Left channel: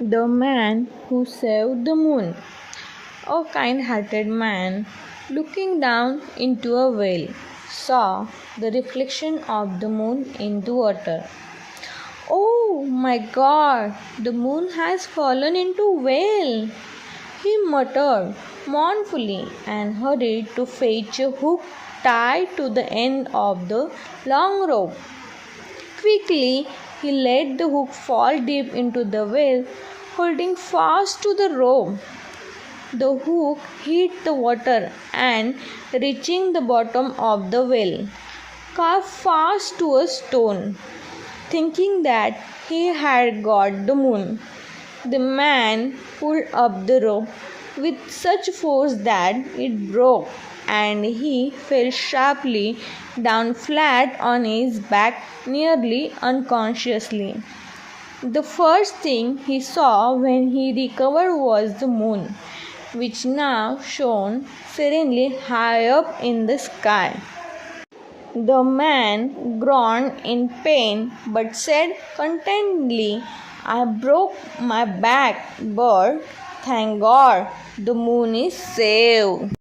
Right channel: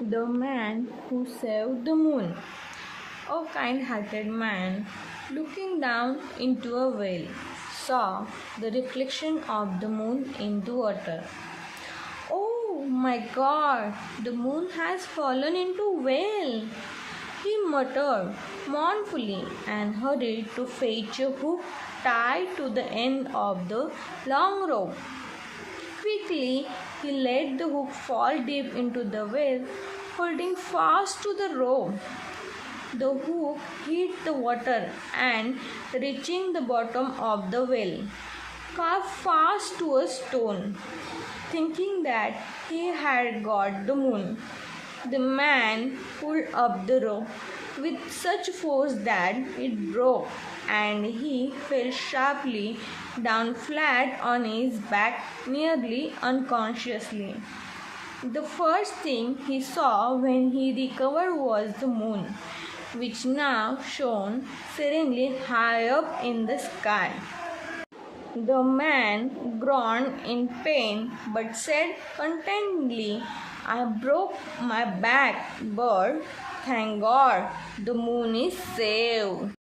The Man Who Saved the Moon. A kind hearted man, looking down into a well, saw the reflection of the moon in the water. Oh my God, the moon has fallen into well, he muttered mournfully and hurried to fetch a hook tied to the end of the long rope. Quickly, he let the hook fall deep into the well, holding fast to the rope. The hook hit the water and, reaching the bottom of the well, carved fast to a stone. Thinking that he had got the moon, the man pulled up the rope with such force that it broke and he fell sharply down flat on his back, nearly unconsciously. The first thing he saw when he recovered was the moon, which now shone serenely high up in the sky. The man groaned in pain but said contentedly, I broke my back, but thank God the moon is saved.